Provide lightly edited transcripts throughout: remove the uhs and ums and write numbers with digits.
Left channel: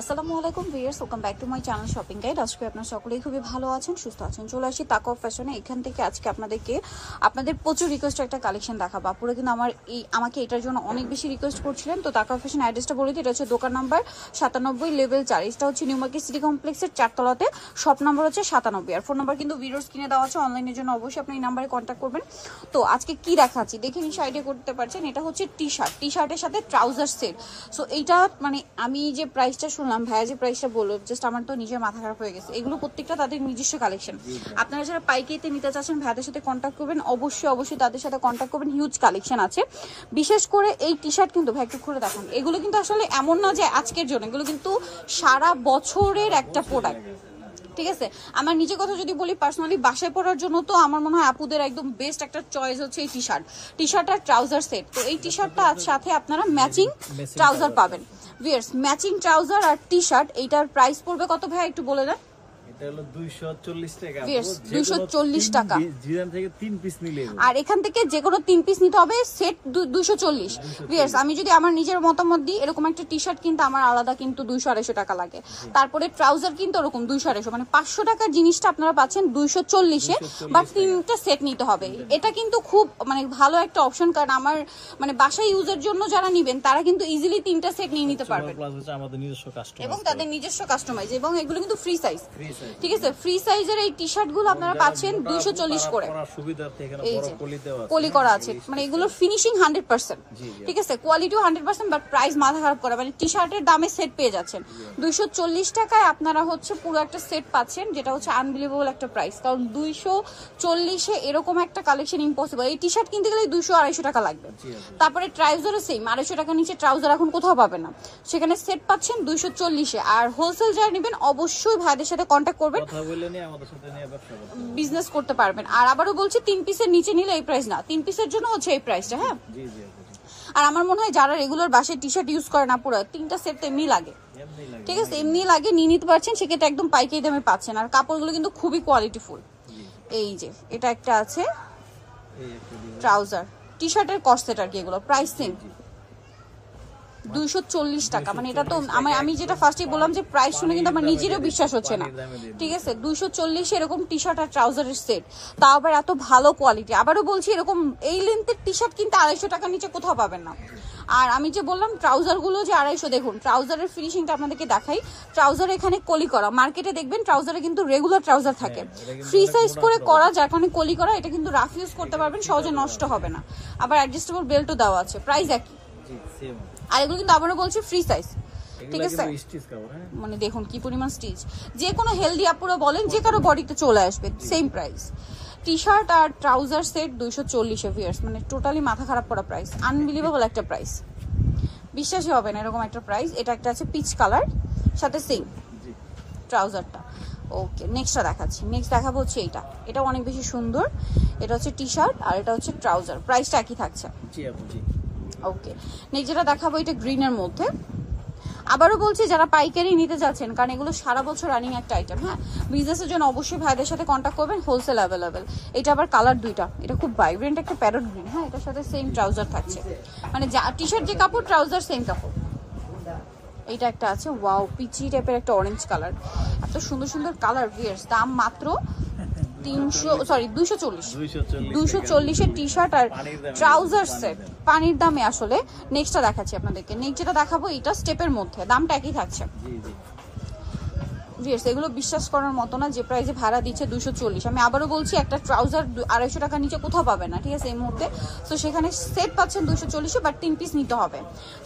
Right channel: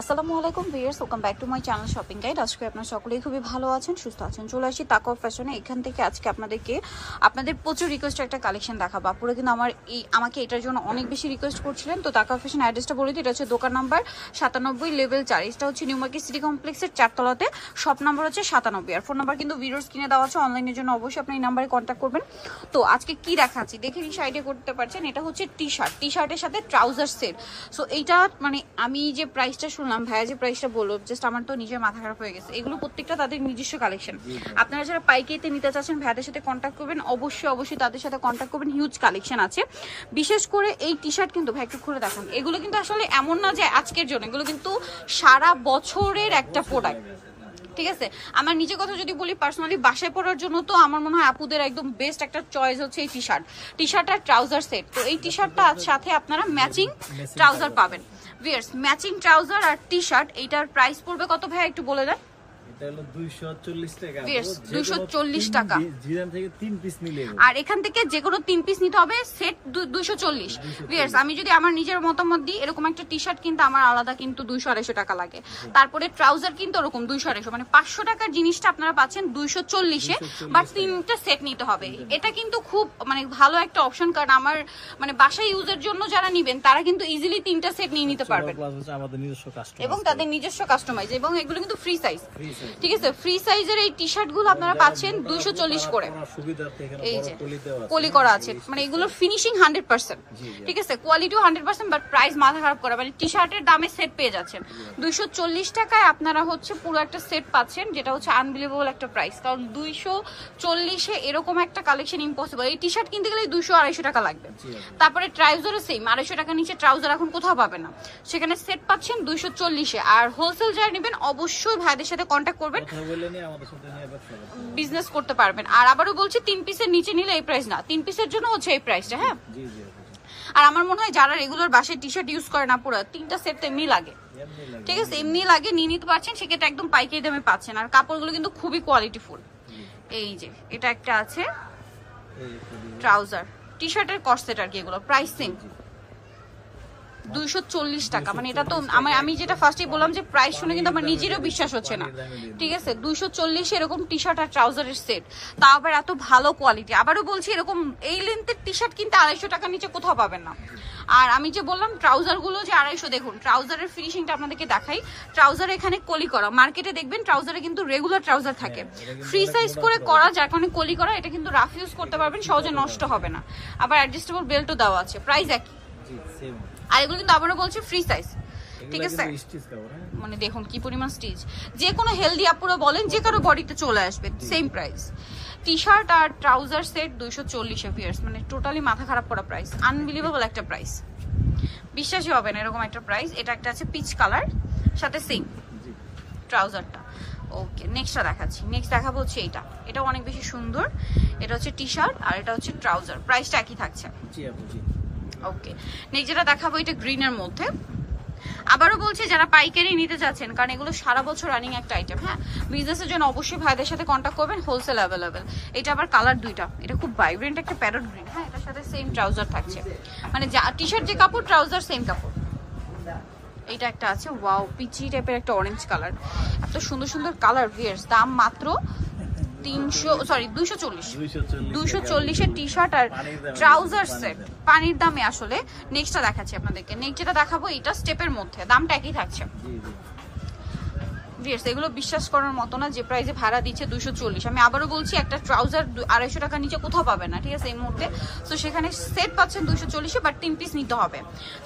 আসসালামু আলাইকুম viewers, welcome back to my channel shopping guide. আজকে আপনারা সকলেই খুবই ভালো আছেন, সুস্থ আছেন। চলে আসি তাকওয়া ফ্যাশনে। এখান থেকে আজকে আপনাদের প্রচুর রিকোয়েস্ট একটা কালেকশন দেখাবো। আপুরা কিন্তু আমাকে এটার জন্য অনেক বেশি রিকোয়েস্ট করছিলেন। তো তাকওয়া ফ্যাশন অ্যাড্রেসটা বলে দিই, এটা হচ্ছে দোকান নাম্বার 97 লেভেল 4। এটা হচ্ছে নিউ মার্কেট সিটি কমপ্লেক্সের 4 তলাতে, শপ নাম্বার হচ্ছে 97। আর ফোন নাম্বার কিন্তু ভিডিওর স্ক্রিনে দেওয়া আছে। অনলাইনের জন্য অবশ্যই আপনি এই নাম্বারে কন্ট্যাক্ট করবেন। তো আজকে কি দেখাচ্ছি দেখে নিশ্চয়ই আইডিয়া করতে পারছেন। এটা হচ্ছে টি শার্টের সাথে ট্রাউজার সেট। সো এইটা মানে আমি যে প্রাইসটা শুনলাম, ভাইয়া যে প্রাইসটা বললো, জাস্ট আমার তো নিজের মাথা খারাপ হয়ে গেছে। এগুলো প্রত্যেকটা তাদের নিজস্ব কালেকশন। আপনারা যারা পাইকারিতে নিতে চাচ্ছেন ভাইয়াদের সাথে কন্ট্যাক্ট করবেন, অবশ্যই তাদের সাথে কন্ট্যাক্ট করবেন। হিউজ কালেকশন আছে। বিশেষ করে এই টি শার্ট কিন্তু ভাই একটু খুলে দেখুন, এগুলো কিন্তু আসলে এমন না যে আজকের জন্য, এগুলো কিন্তু সারা বছরের একটা প্রোডাক্ট। ঠিক আছে, আমার নিজের কথা যদি বলি, পার্সোনালি বাসায় পরার জন্য তো আমার মনে হয় আপুদের একদম বেস্ট একটা চয়েস হচ্ছে এই টি শার্ট আর ট্রাউজার সেট। তো এই টি শার্টটা সাথে আপনারা ম্যাচিং ট্রাউজার পাবেন। ভিউয়ার্স, ম্যাচিং ট্রাউজার আর টি শার্ট, এইটার প্রাইস পড়বে কত ভাই একটু বলে দেন। এটা হলো 240 টাকা। 240 টাকা। জিরাম থেকে 3 পিস নিলে, আর এখান থেকে যে কোনো 3 পিস নিতে হবে, সেট 240। ভিউয়ার্স, আমি যদি আমার নিজের মতামত দিই, এরকম একটা টি শার্ট কিন্তু আমার আলাদা কিন্তু 200-250 টাকা লাগে। তারপরে ট্রাউজার কিন্তু ওরকম 200-250, মানে 500 টাকার জিনিসটা আপনারা পাচ্ছেন 240-এ, বাট 3টা সেট নিতে হবে। এটা কিন্তু খুব মানে ভালো একটা অপশন, কারণ আমার মানে বাসায় ইউজের জন্য যারা নেবেন তারা কিন্তু ইজিলি 3টা সেট নিয়ে নিতে পারবেন। আমাদের নিজস্ব কাস্টমার এবং তাদের নিজস্ব কাস্টমাইজ, এবং এগুলো কিন্তু ফ্রি সাইজ। ঠিক আছে, ফ্রি সাইজের এই টি শার্ট গুলো আপনারা পাচ্ছেন 240 করে। এই যে পলি করা আছে, মানে এগুলো ফিনিশিং 100%। ঠিক আছে, কোয়ালিটিও 100%, বাট প্রাইস মাথা খারাপ করা, মানে টি শার্টের দামে সেট পেয়ে যাচ্ছেন 240 টাকায়। আপনারা হচ্ছে পুরো একটা সেট পাচ্ছেন, যেটা হচ্ছে আনবিলিভেবল একটা প্রাইস। কারণ 240-এ এরকম একটা কালেকশন ইম্পসিবল। এই টি শার্ট কিনতে গেলে 200-250 টাকা লাগবে। তারপরে ট্রাউজারও সেম, 250 টাকা নিচে ট্রাউজার এখন কোথাও পাবে না, সেখানে সেট পাচ্ছেন 240-এ। আর হোলসেল যারা নেবেন অবশ্যই ভাইদের সাথে কন্ট্যাক্ট করবেন, বিজনেস করতে পারবেন। আর আবারও বলছি, 3 পিসের নিচে নিলে এই প্রাইস না, 3 পিসের জন্য হচ্ছে এই প্রাইসটা। হ্যাঁ, আর আমার মনে হয় যারা রেগুলার বাসায় টি শার্ট ইউজ করে না, পুরো 3টা সেট তো এমনি লাগে। ঠিক আছে, এমনি লাগে, নিয়ে নিতে পারছেন, সেক্ষেত্রে একদম পাইকারি দামে পাচ্ছেন। আর কাপড়গুলো কিন্তু খুবই কোয়ালিটিফুল। এই যে এটা একটা আছে ট্রাউজার, টি শার্টের কর্সেট আর কি, এগুলো প্রাইস সেম 240 টাকা। মানে এটা তো আমি যেটা ফার্স্টেই বললাম যে প্রাইস শুনে কিন্তু আমার নিজেরও বিশ্বাস হচ্ছে না। ঠিক আছে, 240 এরকম টি শার্ট আর ট্রাউজারের সেট, তাও আবার এত ভালো কোয়ালিটি। আবারও বলছি, এরকম এই লেন্থের টি শার্ট কিন্তু 250 টাকার নিচে কোথাও পাবেন না। আর আমি যে বললাম ট্রাউজার গুলো যে 250, দেখুন ট্রাউজারের ফিনিশিংটা আপনাদেরকে দেখাই। ট্রাউজার এখানে কলি করা, মার্কেটে দেখবেন ট্রাউজারে কিন্তু রেগুলার ট্রাউজার থাকে, ফ্রি সাইজ করে করা, যার কারণে কলি করা। এটা কিন্তু রাফ ইউজ করতে পারবেন, সহজে নষ্ট হবে না। আবার অ্যাডজাস্টেবল বেল্টও দেওয়া আছে, প্রাইস একই। আর এগুলো কিন্তু আবারও বলছি ফ্রি সাইজ। ঠিক আছে, মানে দেখুন কি পরিমাণ স্টিচ, যে কোনো হেলদি আপুরা বলেন যে কারো বডিতে চলে আসবে, সেম প্রাইস। টি শার্ট আর ট্রাউজার সেট 240 ভিউয়ার্স, মানে টোটালি মাথা খারাপ করা প্রাইস, আনবিলিভেবল একটা প্রাইস, বিশ্বাসই হবে না এরকম একটা প্রাইস। এটা একটা আছে পিচ কালার, সাথে সেম ট্রাউজারটা। ওকে, নেক্সটটা দেখাচ্ছি। নেক্সট দেখাবো হচ্ছে এইটা, এটাও অনেক বেশি সুন্দর। এটা হচ্ছে টি শার্ট আর এটা হচ্ছে ট্রাউজার, প্রাইসটা একই থাকছে। ওকে, নেক্সট যেটা দেখাবো, এটা গ্রিনের মধ্যে। আবারও বলছি, যারা পাইকারি নিতে যাচ্ছেন, কারণ এগুলো সারা বছর রানিং একটা আইটেম। হ্যাঁ, বিজনেসের জন্য অবশ্যই ভাইদের সাথে কন্ট্যাক্ট করবেন, হোলসেল অ্যাভেলেবেল। এটা আবার কালার দুইটা, এটা খুব ভাইব্রেন্ট একটা প্যারট গ্রিন। হ্যাঁ, এটার সাথে সেম ট্রাউজার থাকছে, মানে টি শার্ট যে কাপড়, ট্রাউজার সেম কাপড়। এইটা একটা আছে ওয়াও, পিচি টাইপের একটা অরেঞ্জ কালার, এত সুন্দর সুন্দর কালার। ভিউয়ার্স, দাম মাত্র 240-এর টি শার্ট আর ট্রাউজার সেট, পানির দামে আসলে। নেক্সটটা দেখাচ্ছি আপনাদেরকে। নেক্সট যেটা দেখাবো, এটা স্টেপের মধ্যে, দামটা একই থাকছে। ভিউয়ার্স, এগুলো বিশ্বাস করার মতো না যে প্রাইসে ভাড়া দিচ্ছে 240। আমি আবারও বলছি, একটা ট্রাউজার 250 টাকার নিচে কোথাও পাবেন না। ঠিক আছে, এই মুহূর্তে। সো সেখানে সেট পাচ্ছেন 240-এ, বাট 3 পিস নিতে হবে।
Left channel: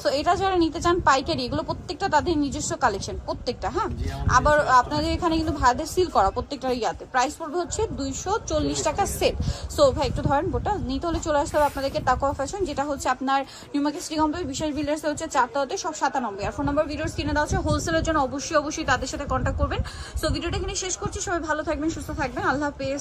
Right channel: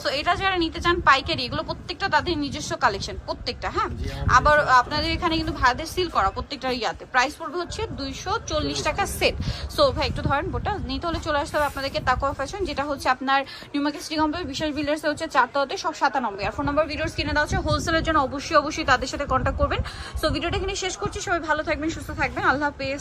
সো এটা যারা নিতে চান পাইকারি, এগুলো প্রত্যেকটা তাদের নিজস্ব কালেকশন, প্রত্যেকটা। হ্যাঁ, আবার আপনাদের এখানে কিন্তু ভাড়াদের সিল করা প্রত্যেকটা ইয়াতে। প্রাইস পড়বে হচ্ছে 240 টাকা সেট। সো ভাই একটু ধরেন, বোটা নিতে হলে চলে আসতে হবে আপনাদেরকে তাকওয়া ফ্যাশন, যেটা হচ্ছে আপনার নিউ মার্কেট সিটি কমপ্লেক্স বিশাল বিল্ডার্সে হচ্ছে 4 তলাতে, সব 97। আর ফোন নাম্বার ভিডিওর স্ক্রিনে দেওয়া আছে। হোলসেলের জন্য অবশ্যই তাদের সাথে কন্ট্যাক্ট করবেন। সো ভিডিওটা এখানে শেষ করছি। সবাই ভালো থাকবেন, সুস্থ থাকবেন, আল্লাহ হাফেজ।